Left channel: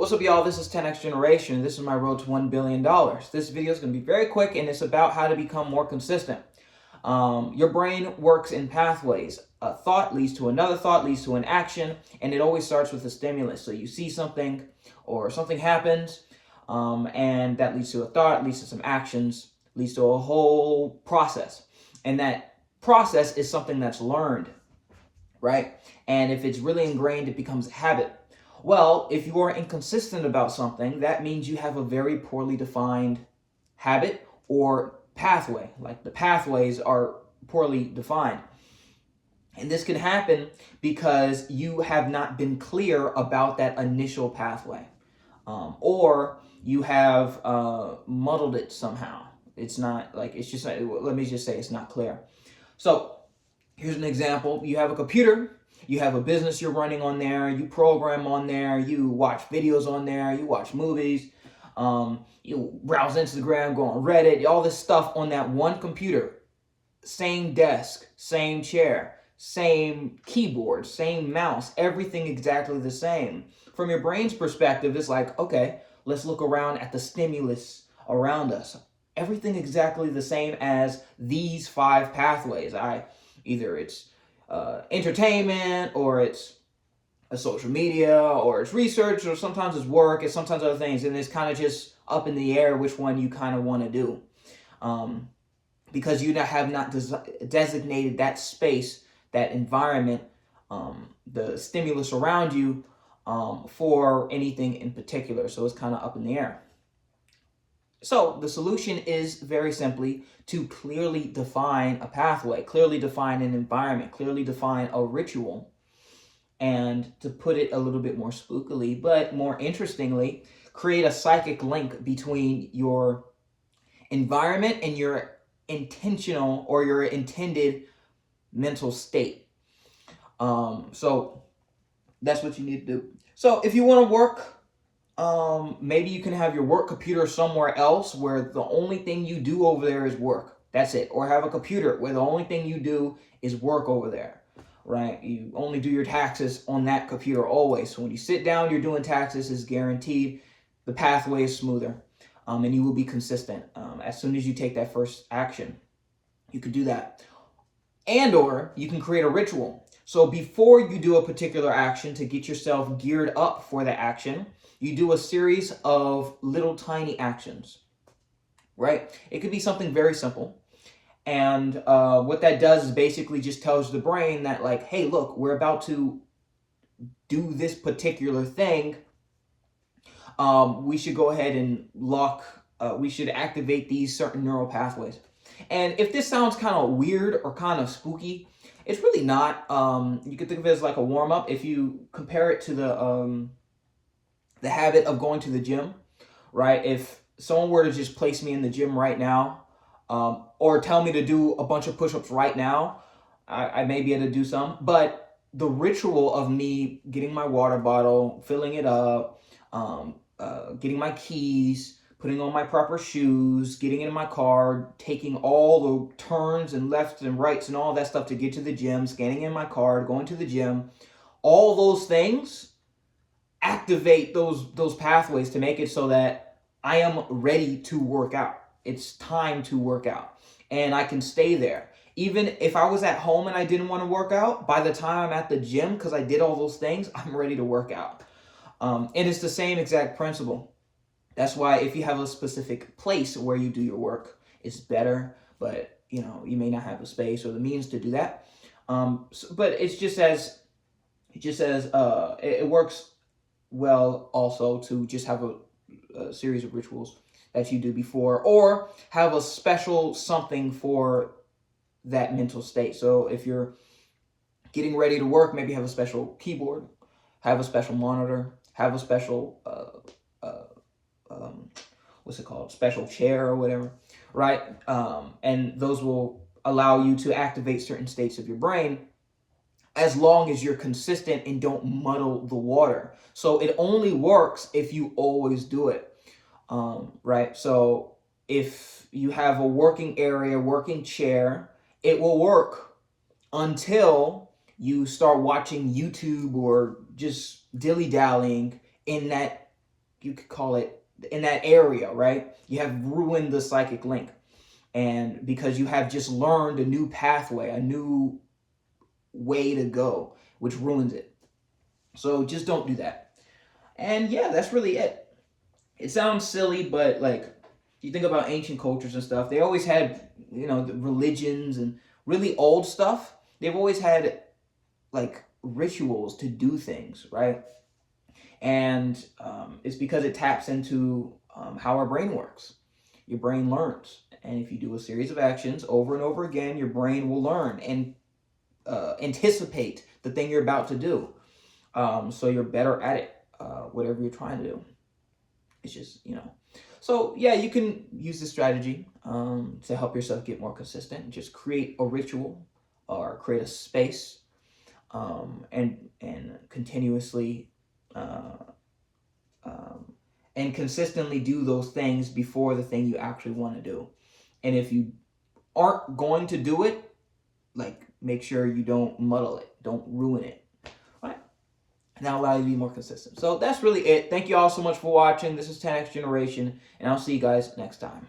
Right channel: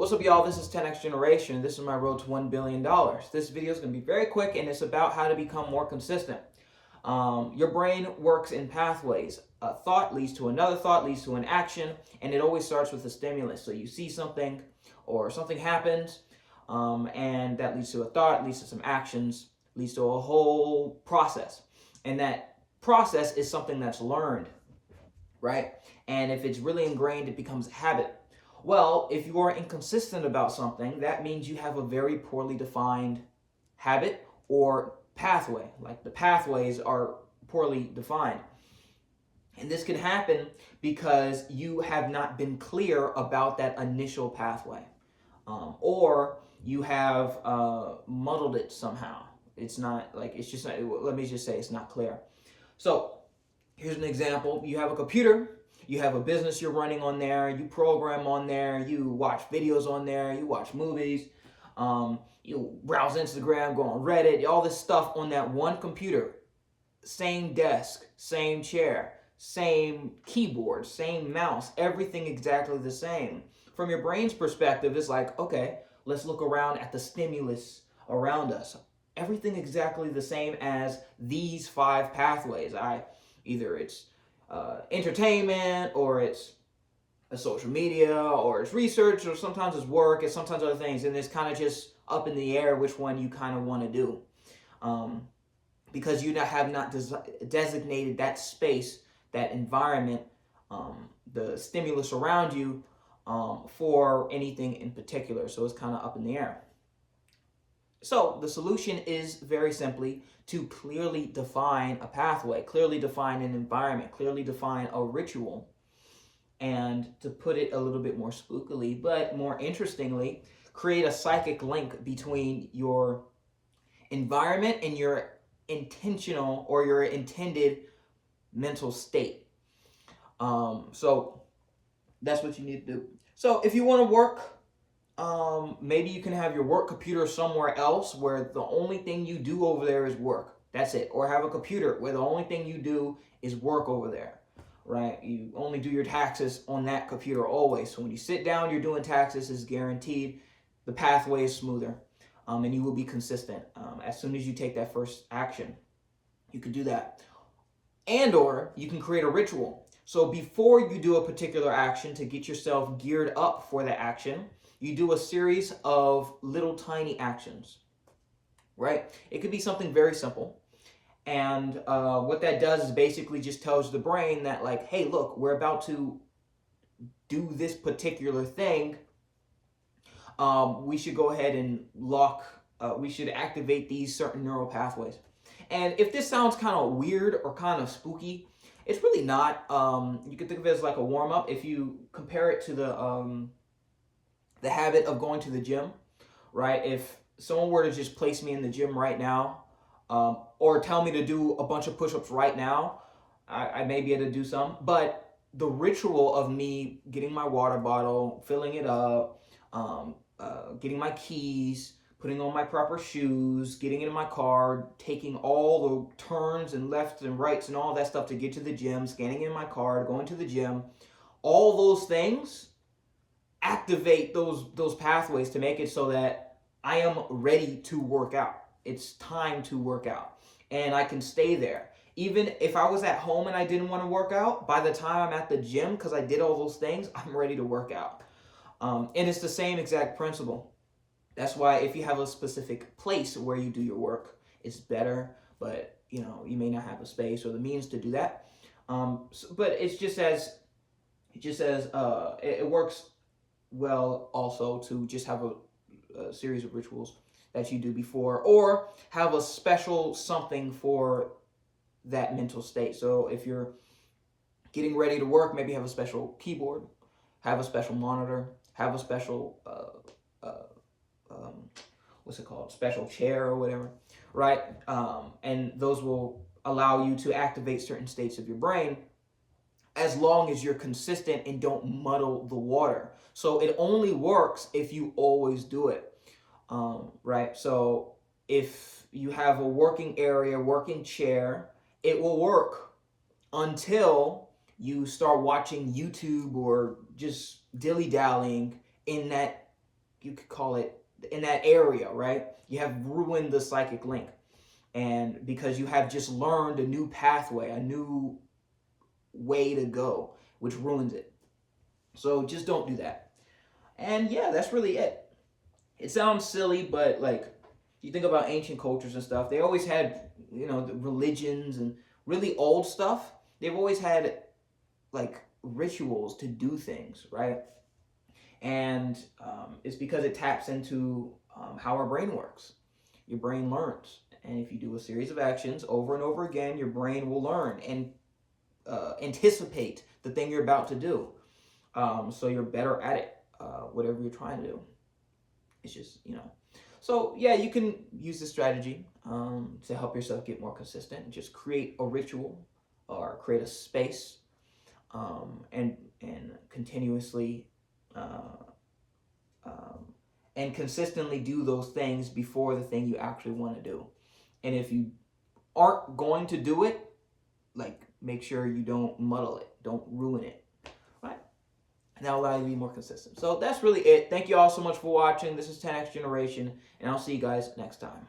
What's up, y'all? This is 10X Generation. This is my road to $1 billion. This video is going to be very quick, and it's about how to become more consistent. Your brain works in pathways. A thought leads to another thought, leads to an action, and it always starts with a stimulus. So you see something, or something happens, and that leads to a thought, leads to some actions, leads to a whole process. And that process is something that's learned, right? And if it's really ingrained, it becomes a habit. Well, if you are inconsistent about something, that means you have a very poorly defined habit or pathway. Like the pathways are poorly defined. And this can happen because you have not been clear about that initial pathway. Or you have muddled it somehow. It's not like, it's just, let me just say it's not clear. So here's an example. You have a computer. You have a business you're running on there, you program on there, you watch videos on there, you watch movies, you browse Instagram, go on Reddit, all this stuff on that one computer. Same desk, same chair, same keyboard, same mouse, everything exactly the same. From your brain's perspective, it's like, okay, let's look around at the stimulus around us. Everything exactly the same as these 5 pathways. Either it's entertainment, or it's a social media, or it's research, or sometimes it's work, and sometimes other things, and it's kind of just up in the air which one you kind of want to do, because you have not designated that space, that environment, the stimulus around you, for anything in particular. So it's kind of up in the air. So the solution is very simply to clearly define a pathway, clearly define an environment, clearly define a ritual, and to put it a little bit more spookily, but more interestingly, create a psychic link between your environment and your intentional or your intended mental state. So that's what you need to do. So if you want to work, maybe you can have your work computer somewhere else where the only thing you do over there is work. That's it. Or have a computer where the only thing you do is work over there, right? You only do your taxes on that computer always. So when you sit down, you're doing taxes, is guaranteed. The pathway is smoother, and you will be consistent. As soon as you take that first action, you could do that. And or you can create a ritual. So before you do a particular action, to get yourself geared up for the action, you do a series of little tiny actions, right? It could be something very simple. And what that does is basically just tells the brain that, like, hey, look, we're about to do this particular thing. We should go ahead and we should activate these certain neural pathways. And if this sounds kind of weird or kind of spooky, it's really not. You can think of it as like a warm-up. If you compare it to the habit of going to the gym, right? If someone were to just place me in the gym right now, or tell me to do a bunch of push-ups right now, I may be able to do some. But the ritual of me getting my water bottle, filling it up, getting my keys, putting on my proper shoes, getting in my car, taking all the turns and lefts and rights and all that stuff to get to the gym, scanning in my card, going to the gym, all those things activate those pathways to make it so that I am ready to work out. It's time to work out, and I can stay there. Even if I was at home and I didn't want to work out, by the time I'm at the gym, because I did all those things, I'm ready to work out. And it's the same exact principle. That's why if you have a specific place where you do your work, it's better, but you may not have a space or the means to do that. But it works well also to just have a series of rituals that you do before, or have a special something for that mental state. So if you're getting ready to work, maybe have a special keyboard, have a special monitor, have a special special chair or whatever, right? And those will allow you to activate certain states of your brain, as long as you're consistent and don't muddle the water. So it only works if you always do it, right? So if you have a working area, working chair, it will work until you start watching YouTube or just dilly-dallying in that you could call it, in that area, right? You have ruined the psychic link. And because you have just learned a new pathway, a new way to go, which ruins it. So just don't do that. And yeah, that's really it. It sounds silly, but like, you think about ancient cultures and stuff, they always had, the religions and really old stuff. They've always had like rituals to do things, right? And it's because it taps into how our brain works. Your brain learns. And if you do a series of actions over and over again, your brain will learn and anticipate the thing you're about to do. So you're better at it, whatever you're trying to do. It's just, So yeah, you can use this strategy to help yourself get more consistent. Just create a ritual or create a space and continuously and consistently do those things before the thing you actually want to do. And if you aren't going to do it, like, make sure you don't muddle it, don't ruin it. All right? And that'll allow you to be more consistent. So that's really it. Thank you all so much for watching. This is 10X Generation, and I'll see you guys next time.